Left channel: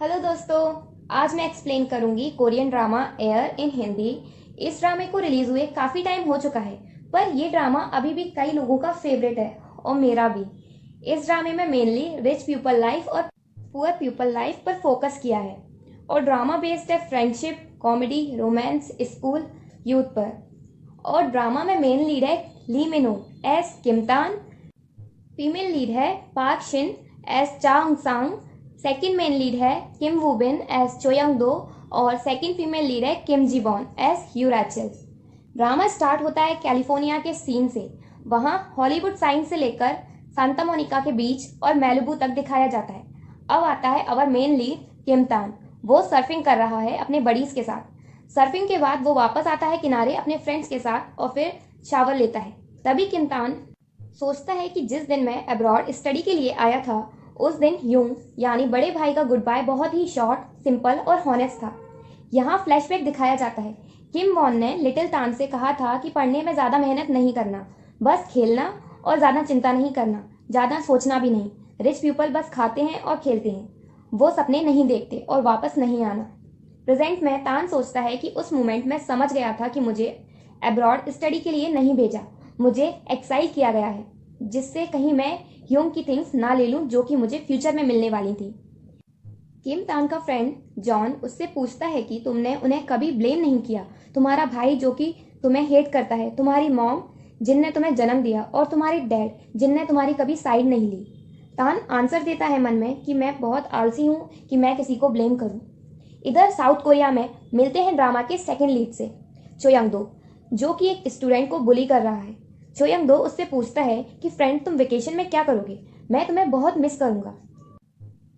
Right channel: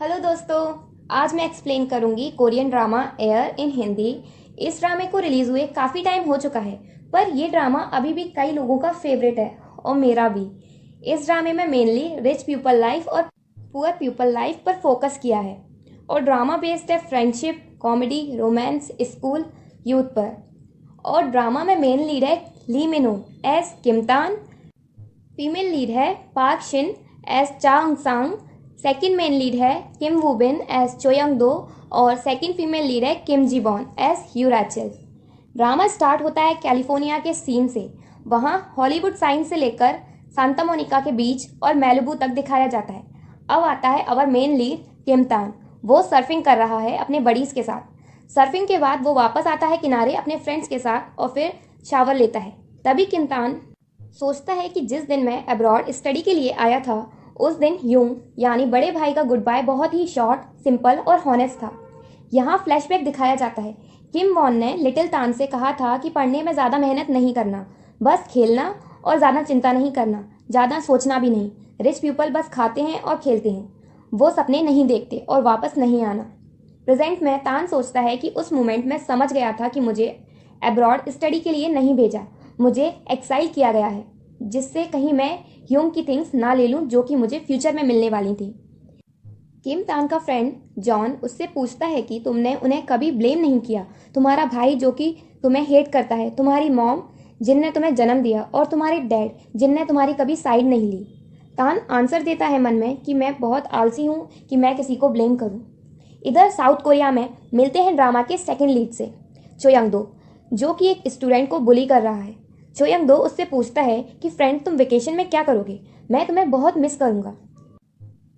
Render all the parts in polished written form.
Hello दोस्तों, आज मैं एक्सप्लेन करूंगी Korean drama air in Hindi. इस ड्रामे को रिलीज हुए काफी टाइम हो चुका है, पर ये ड्रामा अभी भी कई लोगों का फेवरेट है और मेरा भी। इस ड्रामे में मेनली रिच पीपल लाइफ और पुअर पीपल लाइफ पर फोकस किया है और ड्रामा बेस्ड है friendship, comedy, romance, school, youth पर। और ड्रामा में मेन लीड है ली मिनो एस किमतान, फीमेल लीड है पार्क शिन एस चांग सांग, सेकंड मेन लीड है किम वू बिन एस चोयंग दो और सेकंड फीमेल लीड है किम जी बॉन एस ह्यू रैचल। ड्रामा स्टार्ट होता है कैलिफोर्निया के सीन से। वहां हॉलीवुड साइन से लेकर सांता मोनिका के बीच और मैलिबू तक दिखाया जाता है। अब आता है अवर मेन लीड किम तान। वो सर्फिंग कर रहा है अपने बडीज के साथ। सर्फिंग के बाद वो वापस आता है किनारे अपने फ्रेंड्स के साथ और फिर शावर लेता है। तभी किम तान सोचता है कि जिस दिन मैं अब्रॉड स्टडी के लिए आया था उस दिन यूंग यानी बड़े भाई का गुड बाय बहुत ही शॉर्ट, सिंपल और हॉनेस्ट था। यहाँ फ्लैशबैक दिखाया जाता है। किम वॉन ने लिटिल तान से कहा था कि पढ़ने में ज्यादा मेहनत नहीं करना, बस खेलना और ज्यादा चिंता नहीं करना, ज्यादा सोचना भी नहीं। रिच पीपल बस खाते हैं और खेलते हैं, वो सपने नहीं देखते और वापस नहीं आना। प्रेजेंट में तान सोचता है कि उस मोमेंट में समझ गया था कि मुझे अब्रॉड स्टडी के लिए नहीं भेजा, मुझे एक्साइल किया गया है, जिससे कहीं मैं ह्यूम की थिंग्स ना ले लूं जो कि मुझे फ्यूचर में मिलने वाली थी। किम तान का फ्रेंड जॉन उससे पूछता है कि तुमने उन्हें कभी ब्लेम नहीं किया। तुम्हारा भाई जो कि तुम्हें हेट करता है, तुम्हारी मॉम जिनने तुम्हें जन्म दिया और तुम्हारे डैड जिनने तुम्हारी कभी साइड नहीं ली। तान आंसर देता है मन में कि मैं बहुत आलसी हूँ कि मैं किसी को ब्लेम करूँ। इधर साउथ कोरिया में मिलते हैं ड्रामा के सेकंड लीड से चोयंग दो, जो कि एक स्टूडेंट को बुली कर रहा है। चोयंग दो उससे पूछता है कि फ्रेंड तुम वेकेशन में क्या करोगे, मैं तुम्हें बहुत मिस करूंगा।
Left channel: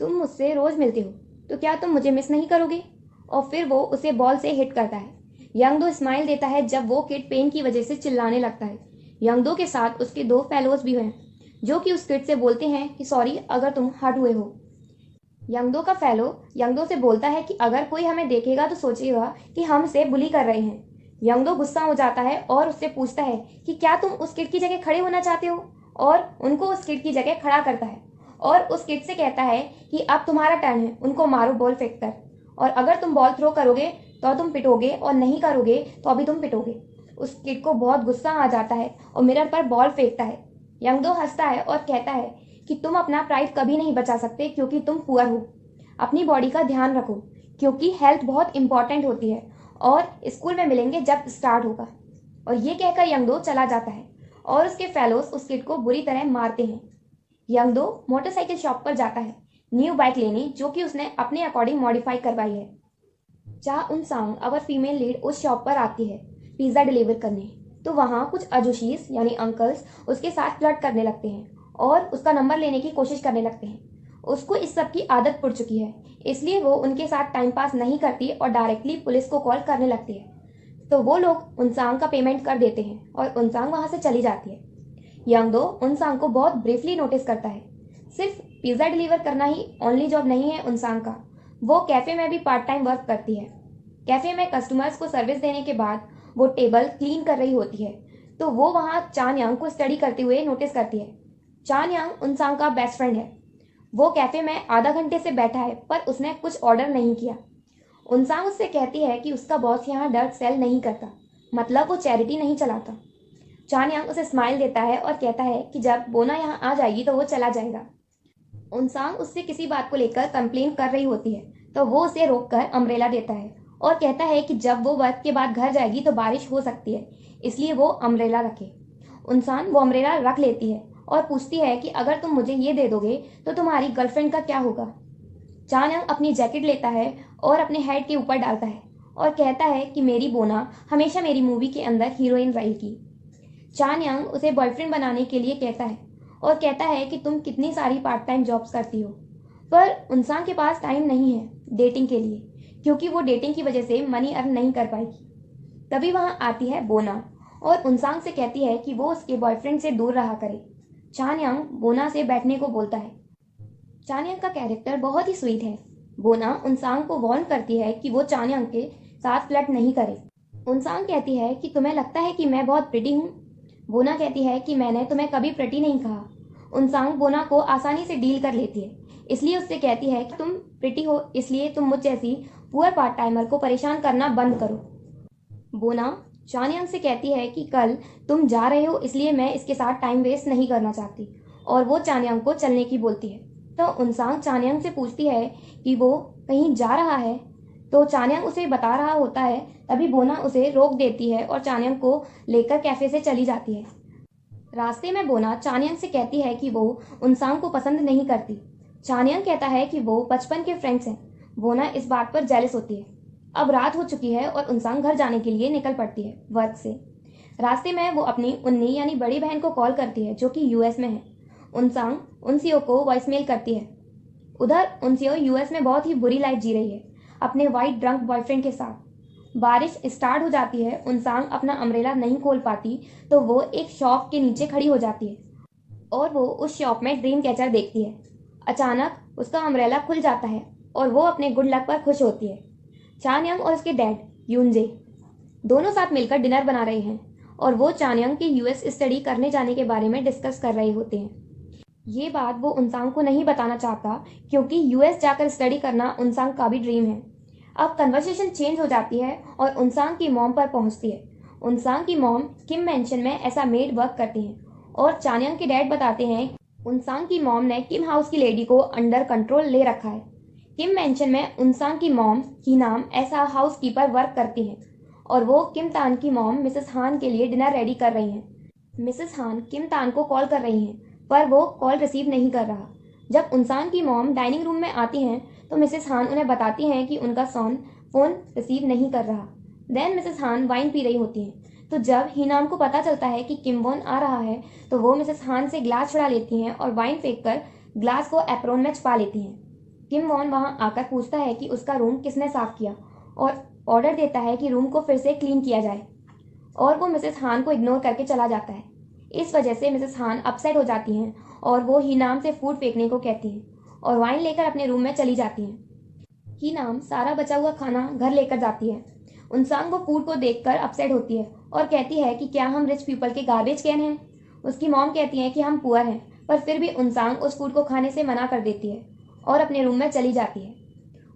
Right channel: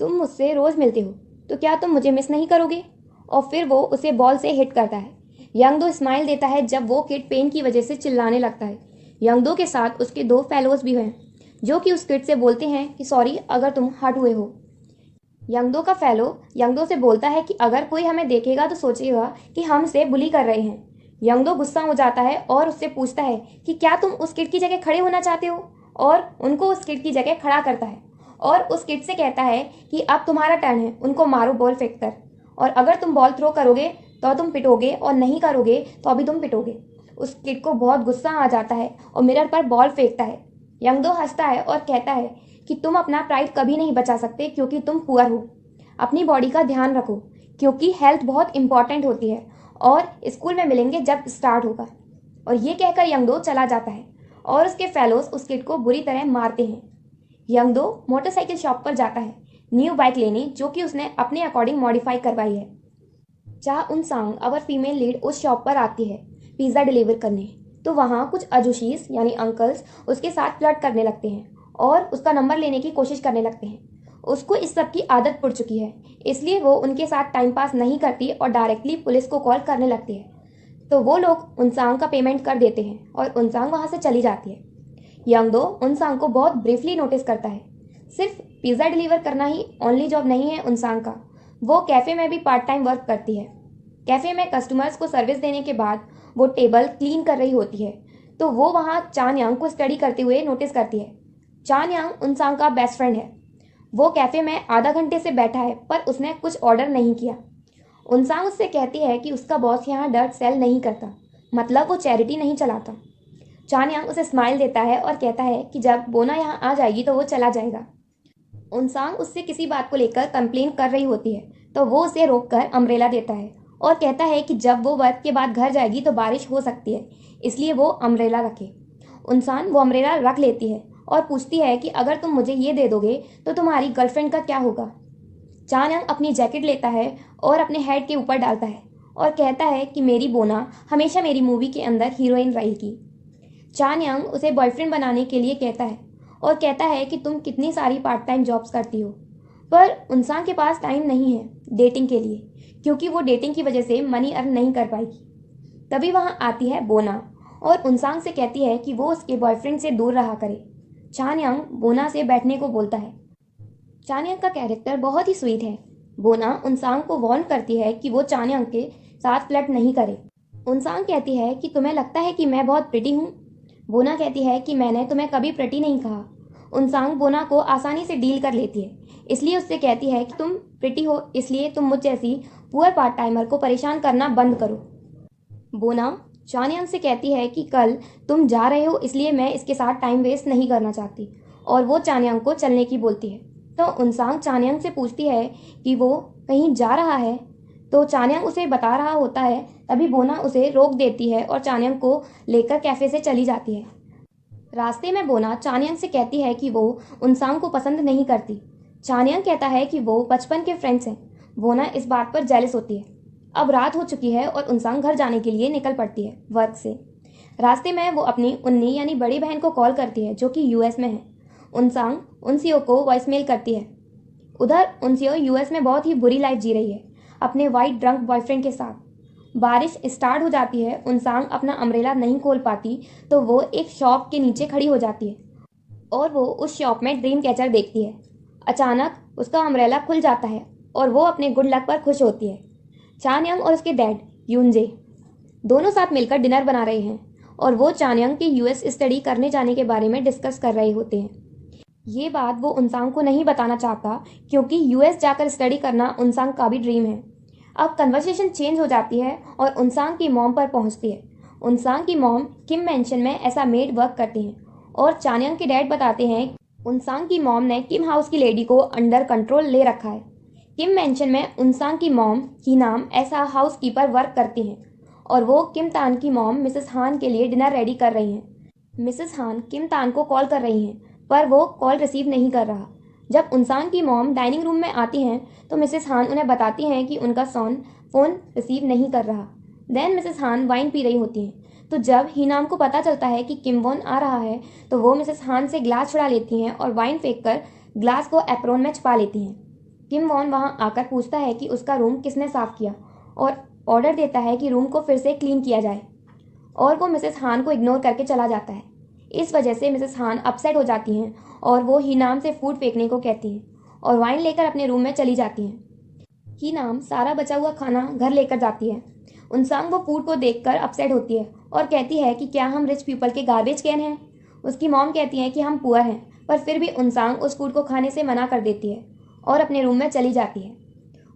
तुम मुझसे रोज मिलते हो तो क्या तुम मुझे मिस नहीं करोगे। और फिर वो उसे बॉल से हिट करता है। यंगदो स्माइल देता है जब वो किड पेन की वजह से चिल्लाने लगता है। यंगदो के साथ उसके दो फेलोज भी हैं जो कि उस किड से बोलते हैं कि सॉरी अगर तुम हर्ट हुए हो। यंगदो का फेलो यंगदो से बोलता है कि अगर कोई हमें देखेगा तो सोचेगा कि हम उसे बुली कर रहे हैं। यंगदो गुस्सा हो जाता है और उससे पूछता है कि क्या तुम उस किड की जगह खड़े होना चाहते हो, और उनको उस किड की जगह खड़ा करता है और उस किड से कहता है कि अब तुम्हारा टर्न है, उनको मारो बॉल फेंक कर, और अगर तुम बॉल थ्रो करोगे तो तुम पिटोगे और नहीं करोगे तो अभी तुम पिटोगे। उस किड को बहुत गुस्सा आ जाता है और मिरर पर बॉल फेंकता है। यंगदो हंसता है और कहता है कि तुम अपना प्राइड कभी नहीं बचा सकते क्योंकि तुम पुअर हो। अपनी बॉडी का ध्यान रखो क्योंकि हेल्थ बहुत इंपॉर्टेंट होती है, और स्कूल में मिलेंगे जब स्टार्ट होगा। और ये कहकर यंगदो चला जाता है और उसके फेलोज उस किड को बुरी तरह मारते हैं। यंगदो मोटरसाइकिल शॉप पर जाता है न्यू बाइक लेने, जो कि उसने अपने अकॉर्डिंग मॉडिफाई करवाई है। चा उन सांग अवर फीमेल लीड उस शॉप पर आती है पिज्जा डिलीवर करने। तो वहाँ कुछ अजूशीस यानी अंकल्स उसके साथ फ्लर्ट करने लगते हैं और उसका नंबर लेने की कोशिश करने लगते हैं। उसको इस सब की आदत पड़ चुकी है, इसलिए वो उनके साथ टाइम पास नहीं करती और डायरेक्टली पुलिस को कॉल करने लगती है। तो वो लोग उनसांग का पेमेंट कर देते हैं और उनसांग वहां से चली जाती है। यंगदो उनसांग को बहुत ब्रीफली नोटिस करता है। सिर्फ पिज्जा डिलीवर करना ही ओनली जॉब नहीं है उनसांग का, वो कैफे में भी पार्ट टाइम वर्क करती है। कैफे में कस्टमर्स को सर्विस देने के बाद वो टेबल क्लीन कर रही होती है, तो वो वहाँ चान यांग को स्टडी करते हुए नोटिस करती है। चान यांग उनसांग का बेस्ट फ्रेंड है। वो कैफे में आधा घंटे से बैठा है पर उसने कुछ ऑर्डर नहीं किया। उनसांग उससे कहती है कि उसका बॉस यहाँ डर्ट सेल नहीं करता, मतलब वो चैरिटी नहीं चलाता। चान यांग उसे स्माइल देता है और कहता है कि जब बोना यहाँ आ जाएगी तो वो चला जाएगा। उनसांग उससे किसी बात को लेकर कंप्लेन कर रही होती है, तो वो उसे रोककर अम्ब्रेला देता है और कहता है कि जब वो वर्क के बाद घर जाएगी तो बारिश हो सकती है, इसलिए वो अम्ब्रेला रखे। उनसान वो अम्ब्रेला रख लेती है और पूछती है कि अगर तुम मुझे ये दे दोगे तो तुम्हारी गर्लफ्रेंड का क्या होगा। चान यांग अपनी जैकेट लेता है और अपने हेड के ऊपर डालता है और कहता है कि मेरी बोना हमेशा मेरी मूवी के अंदर हीरोइन रहेगी। चान यांग उसे बॉयफ्रेंड बनाने के लिए कहता है और कहता है कि तुम कितनी सारी पार्ट टाइम जॉब्स करती हो, पर उनसान के पास टाइम नहीं है डेटिंग के लिए, क्योंकि वो डेटिंग की वजह से मनी अर्न नहीं कर पाएगी। तभी वहां आती है बोना और उनसांग से कहती है कि वो उसके बॉयफ्रेंड से दूर रहा करे। चान यांग बोना से बैठने को बोलता है। चान यांग का कैरेक्टर बहुत ही स्वीट है। बोना उनसांग को वार्न करती है कि वो चान यांग के साथ फ्लर्ट नहीं करे। उनसांग कहती है कि तुम्हें लगता है कि मैं बहुत प्रिटी हूँ। बोना कहती है कि मैंने तुम्हें कभी प्रिटी नहीं कहा। उनसांग बोना को आसानी से डील कर लेती है, इसलिए उससे कहती है कि तुम प्रिटी हो, इसलिए तुम मुझ जैसी पुअर पार्ट टाइमर को परेशान करना बंद करो। बोना चानयांग से कहती है कि कल तुम जा रहे हो, इसलिए मैं इसके साथ टाइम वेस्ट नहीं करना चाहती, और वो चानयांग को चलने की बोलती है। तो उनसांग चानयांग से पूछती है कि वो कहीं जा रहा है, तो चानयांग उसे बता रहा होता है। तभी बोना उसे रोक देती है और चानयांग को लेकर कैफे से चली जाती है। रास्ते में बोना चानयांग से कहती है कि वो उनसांग को पसंद नहीं करती। चानयांग कहता है कि वो बचपन के फ्रेंड्स हैं। बोना इस बात पर जेलस होती है। अब रात हो चुकी है और उनसांग घर जाने के लिए निकल पड़ती है वर्क से। रास्ते में वो अपनी उन्नी यानी बड़ी बहन को कॉल करती है जो कि यूएस में है। उनसांग उनसियो को वॉइसमेल करती है। उधर उनसियो यूएस में बहुत ही बुरी लाइफ जी रही है अपने वाइट ड्रंक बॉयफ्रेंड के साथ। बारिश स्टार्ट हो जाती है। उनसांग अपना अम्ब्रेला नहीं खोल पाती तो वो एक शॉप के नीचे खड़ी हो जाती है और वो उस शॉप में ड्रीम कैचर देखती है। अचानक उसका अम्ब्रेला खुल जाता है और वो अपने गुड लक पर खुश होती है। चानयांग और उसके डैड यूनजे दोनों साथ मिलकर डिनर बना रहे हैं और वो चानयांग के यूएस स्टडी करने जाने के बारे में डिस्कस कर रहे होते हैं। ये बात वो उनसांग को नहीं बताना चाहता क्योंकि यूएस जाकर स्टडी करना उनसांग का भी ड्रीम है। अब कन्वर्सेशन चेंज हो जाती है और उनसांग की मॉम पर पहुंचती है। उनसांग की मॉम किम मेंशन में ऐसा मेड वर्क करती हैं और चानयांग के डैड बताते हैं उनसांग की मॉम ने किम हाउस की लेडी को अंडर कंट्रोल ले रखा है। किम मेंशन में उनसांग की मॉम की नाम ऐसा हाउसकीपर वर्क करती हैं और वो किम तान की मॉम मिसेस हान के लिए डिनर रेडी कर रही हैं। मिसेस हान किम तान को कॉल कर रही हैं पर वो कॉल रिसीव नहीं कर रहा। जब उनसांग की मॉम डाइनिंग रूम में आती हैं तो मिसेस हान उन्हें बताती हैं कि उनका सन फोन रिसीव नहीं कर रहा। देन मिसेस हान वाइन पी रही होती हैं। तो जब हीनाम को पता चलता है कि किम वॉन आ रहा है तो वो मिसेस हान से ग्लास छुड़ा लेती हैं और वाइन फेंक कर ग्लास को एप्रोन में छुपा लेती हैं। किम वॉन वहां आकर पूछता है कि उसका रूम किसने साफ किया और ऑर्डर देता है कि रूम को फिर से क्लीन किया जाए, और वो मिसेस हान को इग्नोर करके चला जाता है। इस वजह से मिसेस हान अपसेट हो जाती हैं और वो हीनाम से फूड फेंकने को कहती हैं और वाइन लेकर अपने रूम में चली जाती हैं। हीनाम सारा बचा हुआ खाना घर लेकर जाती है। उनसांग वो फूड को देखकर अपसेट होती है और कहती है कि क्या हम रिच पीपल के गार्बेज कैन हैं। उसकी मॉम कहती है कि हम पुअर हैं, पर फिर भी उनसांग उस फूड को खाने से मना कर देती है और अपने रूम में चली जाती है।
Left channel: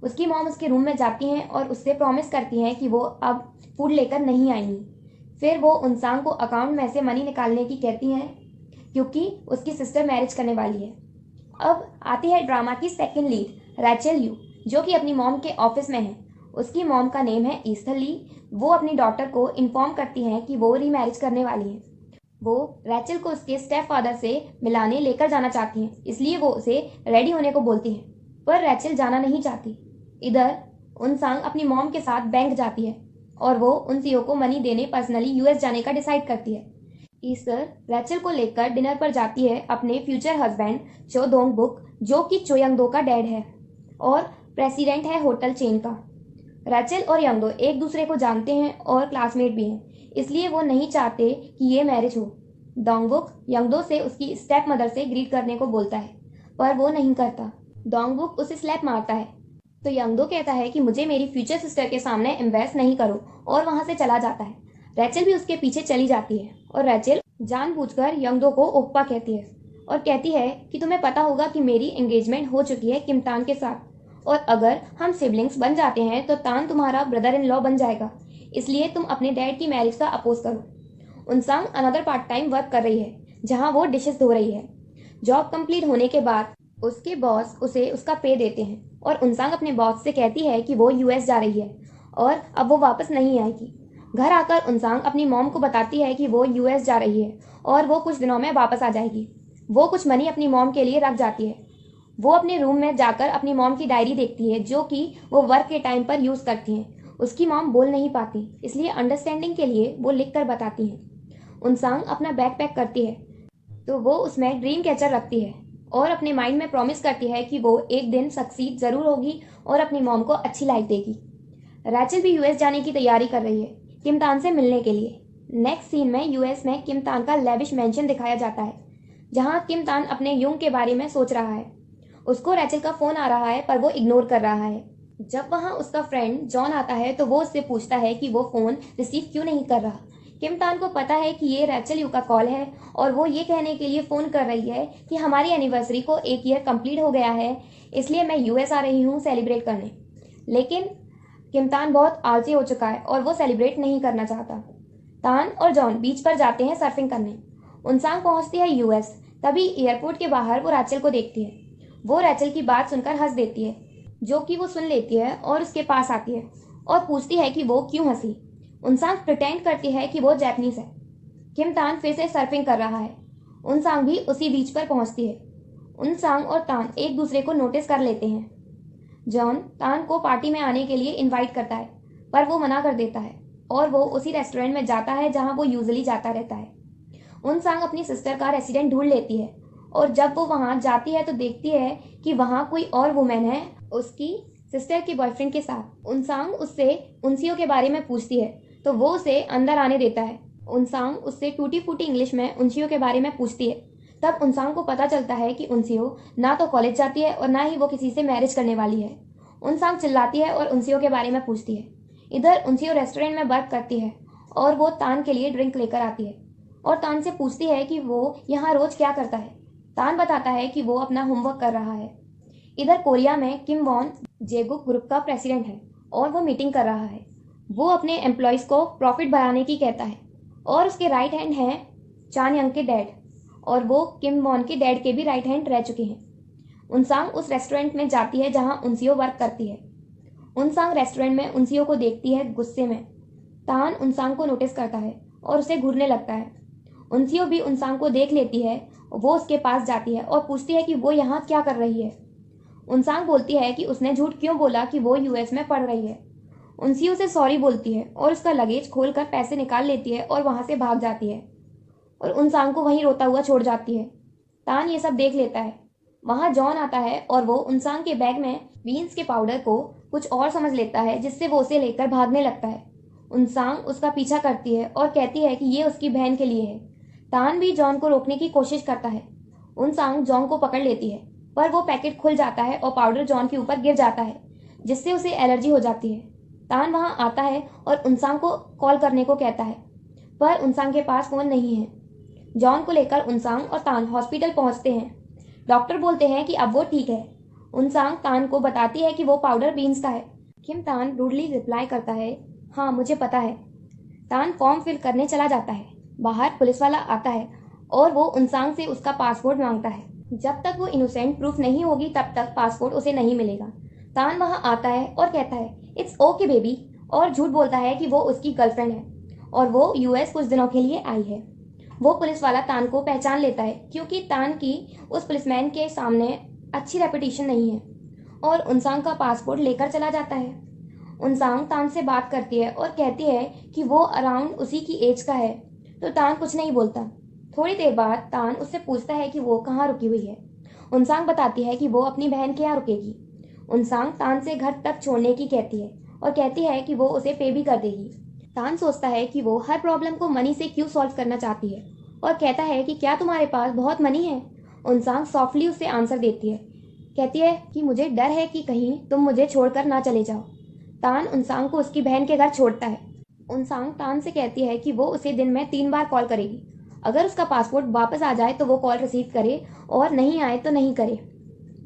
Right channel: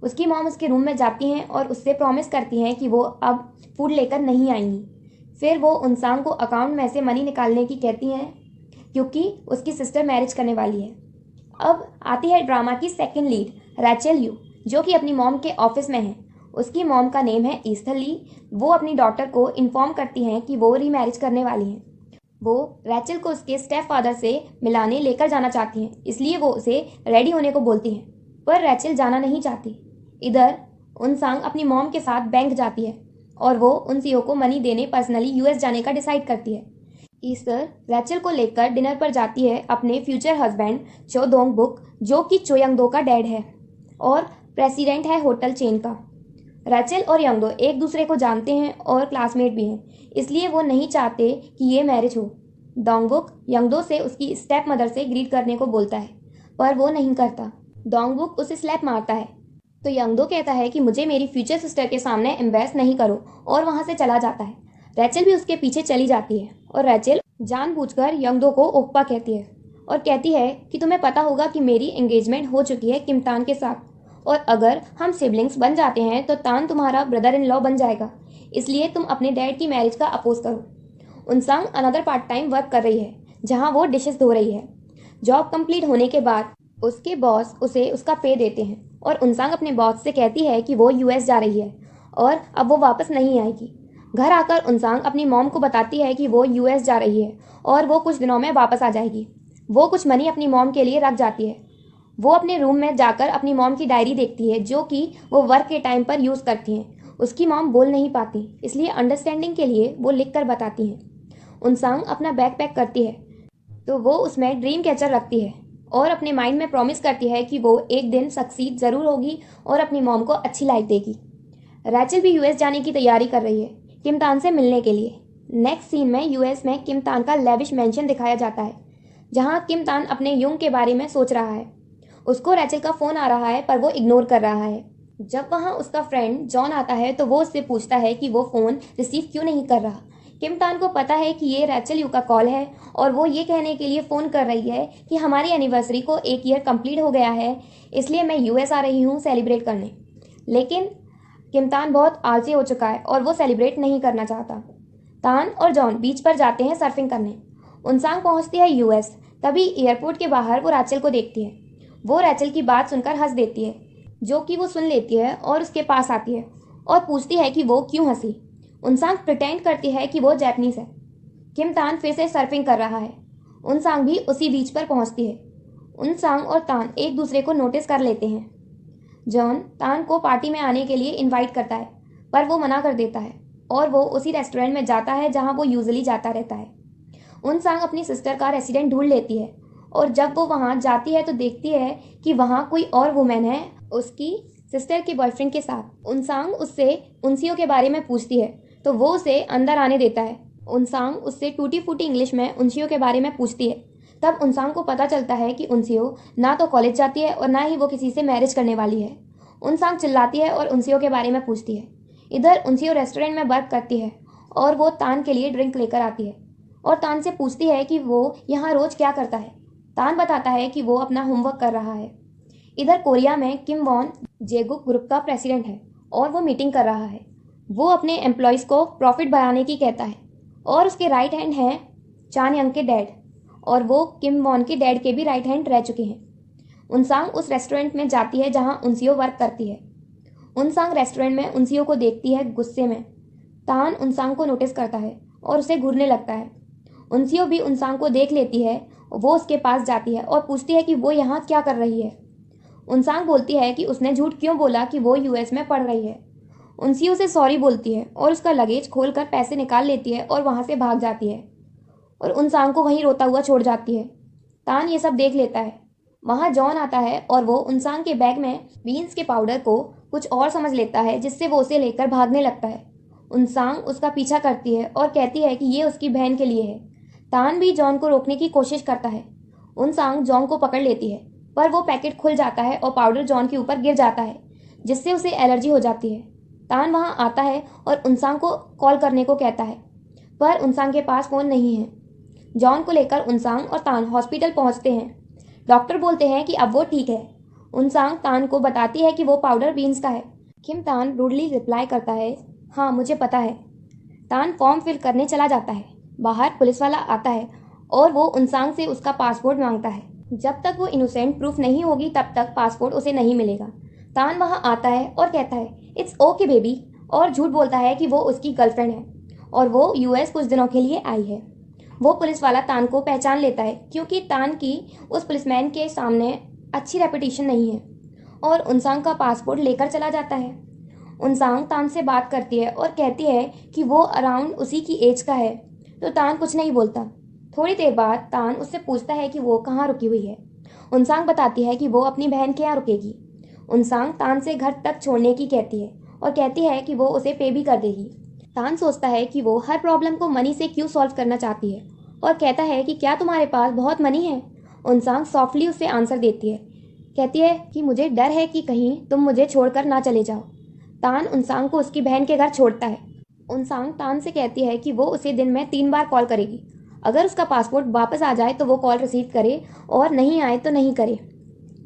उसकी मॉम उसके रूम में जाती हैं और उससे प्रॉमिस करती हैं कि वो अब फूड लेकर नहीं आएंगी। फिर वो उनसांग को अकाउंट में से मनी निकालने की कहती हैं क्योंकि उसकी सिस्टर मैरिज करने वाली है। अब आती है ड्रामा की सेकंड लीड रैचल यू, जो कि अपनी मॉम के ऑफिस में है। उसकी मॉम का नेम है ईस्थर ली। वो अपनी डॉटर को इन्फॉर्म करती हैं कि वो रीमैरिज करने वाली हैं। वो रैचल को उसके स्टेप फादर से मिलाने लेकर जाना चाहती हैं, इसलिए वो उसे रेडी होने को बोलती हैं, पर रैचल जाना नहीं चाहती। इधर उनसांग अपनी मॉम के साथ बैंक जाती है और वो उन सीओ को मनी देने पर्सनली यूएस जाने का डिसाइड करती है। ईस्टर रैचल को लेकर डिनर पर जाती है अपने फ्यूचर हस्बैंड चो दोंग बुक, जो कि चो यंगदो का डैड है और प्रेसिडेंट है होटल चेन का। रैचल और यंगदो एक दूसरे को जानते हैं और क्लासमेट भी हैं, इसलिए वो नहीं चाहते कि ये मैरिज हो। दोंगबुक यंगदो से उसकी स्टेप मदर से ग्रीट करने को बोलता है, पर वो नहीं करता। दोंगबुक उसे स्लैप मारता है तो यंगदो कहता है कि मुझे मेरी फ्यूचर सिस्टर के सामने एम्बेस नहीं करो, और वहां से चला जाता है। रैचल भी उसके पीछे चली जाती है और रैचल जानबूझकर यंगदो को ओप्पा कहती है और कहती है कि तुम्हें पता होगा कि मेरी एंगेजमेंट हो चुकी है किम तान के साथ, और अगर हम सिबलिंग्स बन जाते हैं तो तान तुम्हारा ब्रदर इन लॉ बन जाएगा, इसलिए तुम अपने डैड की मैरिज का अपोज करो। उनसांग अनदर पार्ट टाइम वर्क कर रही है जहां वो डिशेस धो रही है। जॉब कंप्लीट होने के बाद उसके बॉस उसे उसका पे देते हैं और उनसांग अपने बॉस से कहती है कि वो यूएस जा रही है और अब वो वापस नहीं आएगी। घर आकर उनसांग अपनी मॉम को बताती है कि वो यूएस जा रही है और वो कुछ दिनों में वापस आ जाएगी। वो कुछ मनी अपनी मॉम के लिए रख जाती है। वो अपने रूम में जाकर अपनी मॉम की डायरी देखती है जो कि वो वर्क के टाइम पर यूज करती हैं। उसकी मॉम बोल नहीं पाती, इसलिए अंडरस्टैंडिंग के लिए वो लिख कर बताती हैं। उनसांग अपना बैग पैक करती है तो वो उसमें ड्रीम कैचर रखती है और अपने माइंड में प्रॉमिस करती है कि वो एक दिन सक्सीड जरूर होगी और अपनी मॉम को अच्छी लाइफ देगी। रैचल भी यूएस जाने की तैयारी कर रही है किम तान से मिलने के लिए। नेक्स्ट सीन में यूएस में किम तान का लेविश मेंशन दिखाया जाता है जहां किम तान अपने युंग के बारे में सोच रहा है। उसको रैचल का फोन आ रहा है पर वो इग्नोर कर रहा है। जब वहां उसका फ्रेंड जॉन आता है तो वो उससे पूछता है कि वो फोन रिसीव क्यों नहीं कर रहा। किम तान को पता है कि ये रैचल यू का कॉल है और वो ये कहने के लिए फोन कर रही है कि हमारी एनिवर्सरी को 1 ईयर कंप्लीट हो गया है, इसलिए मैं यूएस आ रही हूँ सेलिब्रेट करने। लेकिन किम तान बहुत आलसी हो चुका है और वो सेलिब्रेट नहीं करना चाहता। तान और जॉन बीच पर जाते हैं सर्फिंग करने। उनसांग पहुंचती है यूएस। तभी एयरपोर्ट के बाहर वो रैचल को देखती है। वो रैचल की बात सुनकर हंस देती है, जो कि वो सुन लेती है और उसके पास आती है और पूछती है कि वो क्यों हंसी। उनसांग प्रिटेंड करती है कि वो जैपनीज है। किम तान फिर से सर्फिंग कर रहा है। उनसांग भी उसी बीच पर पहुंचती है। उनसांग और तान एक दूसरे को नोटिस कर लेते हैं। जॉन तान को पार्टी में आने के लिए इनवाइट करता है, पर वो मना कर देता है और वो उसी रेस्टोरेंट में जाता है जहां वो यूजुअली जाता रहता है। उनसांग अपनी सिस्टर का रेसिडेंट ढूंढ लेती है और जब वो वहां जाती है तो देखती है कि वहां कोई और वुमेन है उसकी सिस्टर के बॉयफ्रेंड के साथ। उनसांग उससे उनसियो के बारे में पूछती है तो वो उसे अंदर आने देता है। उनसांग उससे टूटी फूटी इंग्लिश में उनसियो के बारे में पूछती है। तब उनसांग को पता चलता है कि उनसियो ना तो कॉलेज जाती है और ना ही वो किसी से मैरिज करने वाली है। उनसांग चिल्लाती है और उनसियो के बारे में पूछती है। इधर उनसियो रेस्टोरेंट में वर्क करती है और वो तान के लिए ड्रिंक लेकर आती है और तान से पूछती है कि वो यहाँ रोज क्या करता है। तान बताता है कि वो अपना होमवर्क कर रहा है। इधर कोरिया में किम वॉन जेगुक ग्रुप का प्रेसिडेंट है और वो मीटिंग कर रहा है। वो अपने एम्प्लॉयज को प्रॉफिट बढ़ाने की कहता है और उसके राइट हैंड हैं चान यंग के डैड और वो किम वॉन के डैड के भी राइट हैंड रह चुके हैं। उनसांग उस रेस्टोरेंट में जाती है जहां उनसियो वर्क करती है। उनसांग रेस्टोरेंट में उनसियो को देखती है गुस्से में। तान उनसांग को नोटिस करता है और उसे घूरने लगता है। उनसियो भी उनसांग को देख लेती है। वो उसके पास जाती है और पूछती है कि वो यहाँ क्या कर रही है। उनसांग बोलती है कि उसने झूठ क्यों बोला कि वो यूएस में पढ़ रही है। उनसियो से सॉरी बोलती है और उसका लगेज खोलकर पैसे निकाल लेती है और वहां से भाग जाती है और उनसांग को वहीं रोता हुआ छोड़ जाती है। तान ये सब देख लेता है। वहां जॉन आता है और वो उनसांग के बैग में बीन्स के पाउडर को कुछ और समझ लेता है, जिससे वो उसे लेकर भागने लगता है। उनसांग उसका पीछा करती है और कहती है कि ये उसकी बहन के लिए है। तान भी जॉन को रोकने की कोशिश करता है। उनसांग जॉन को पकड़ लेती है, पर वो पैकेट खुल जाता है और पाउडर जॉन के ऊपर गिर जाता है, जिससे उसे एलर्जी हो जाती है। तान वहां आता है और उनसांग को कॉल करने को कहता है, पर उनसांग के पास फोन नहीं है। जॉन को लेकर उनसांग और तान हॉस्पिटल पहुंचते हैं। डॉक्टर बोलते हैं कि अब वो ठीक है। उनसांग तान को बताती है कि वो पाउडर बीन्स का है। किम तान रूडली रिप्लाई करता है, हाँ मुझे पता है। तान फॉर्म फिल करने चला जाता है। बाहर पुलिस वाला आता है और वो उनसांग से उसका पासपोर्ट मांगता है। जब तक वो इनोसेंट प्रूफ नहीं होगी तब तक पासपोर्ट उसे नहीं मिलेगा। तान वहां आता है और कहता है इट्स ओके बेबी, और झूठ बोलता है कि वो उसकी गर्लफ्रेंड है और वो यूएस कुछ दिनों के लिए आई है। वो पुलिस वाला तान को पहचान लेता है क्योंकि तान की उस पुलिसमैन के सामने अच्छी रेपुटेशन नहीं है और उनसांग का पासपोर्ट लेकर चला जाता है। उनसांग तान से बात करती है और कहती है कि वो अराउंड उसी की एज का है, तो तान कुछ नहीं बोलता। थोड़ी देर बाद तान उससे पूछता है कि वो कहाँ रुकी हुई है। उनसांग बताती है कि वो अपनी बहन के यहाँ रुकेगी। उनसांग तान से घर तक छोड़ने की कहती है और कहती है कि वो उसे पे भी कर देगी। तान सोचता है कि वो हर प्रॉब्लम को मनी से क्यों सॉल्व करना चाहती है और कहता है कि क्या तुम्हारे पास बहुत मनी है। उनसांग सॉफ्टली उसे आंसर देती है, कहती है कि मुझे डर है कि कहीं तुम मुझे छोड़कर ना चले जाओ। तान उनसांग को उसकी बहन के घर छोड़ता है। उनसांग तान से कहती है कि वो उसे दिन में 3 बार कॉल करेगी। अगर उसका पासपोर्ट वापस आ जाए तो वो कॉल रिसीव करे और नहीं आए तो नहीं करे।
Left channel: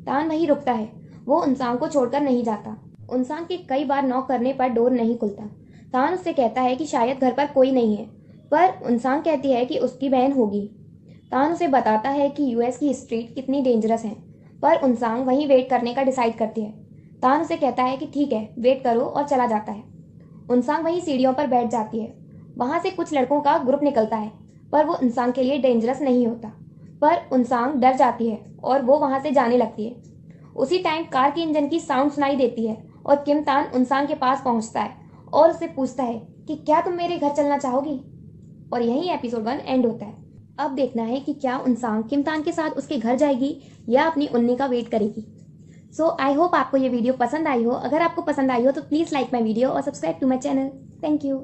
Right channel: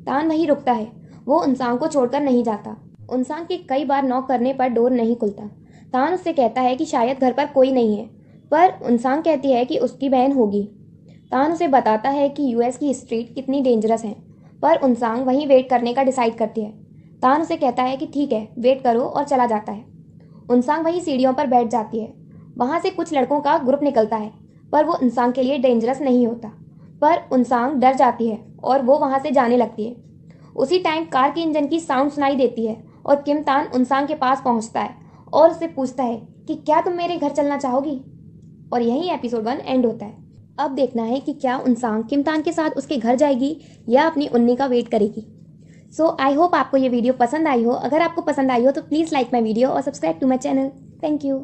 तान वहीं रुकता है। वो उनसांग को छोड़कर नहीं जाता। उनसांग के कई बार नॉक करने पर डोर नहीं खुलता। तान उससे कहता है कि शायद घर पर कोई नहीं है, पर उनसांग कहती है कि उसकी बहन होगी। तान उसे बताता है कि यूएस की स्ट्रीट कितनी डेंजरस है, पर उनसांग वहीं वेट करने का डिसाइड करती है। तान उसे कहता है कि ठीक है वेट करो और चला जाता है। उनसांग वहीं सीढ़ियों पर बैठ जाती है। वहां से कुछ लड़कों का ग्रुप निकलता है, पर वो उनसांग के लिए डेंजरस नहीं होता। पर उनसांग डर जाती है और वो वहां से जाने लगती है। उसी टाइम कार के इंजन की साउंड सुनाई देती है और किम तान उनसांग के पास पहुंचता है और उससे पूछता है कि क्या तुम मेरे घर चलना चाहोगी। और यही एपिसोड 1 एंड होता है। अब देखना है कि क्या उनसांग किम तान के साथ उसके घर जाएगी या अपनी उन्नी का वेट करेगी। सो आई होप आपको ये वीडियो पसंद आई हो। अगर आपको पसंद आई हो तो प्लीज लाइक माई वीडियो और subscribe to my channel. Thank you.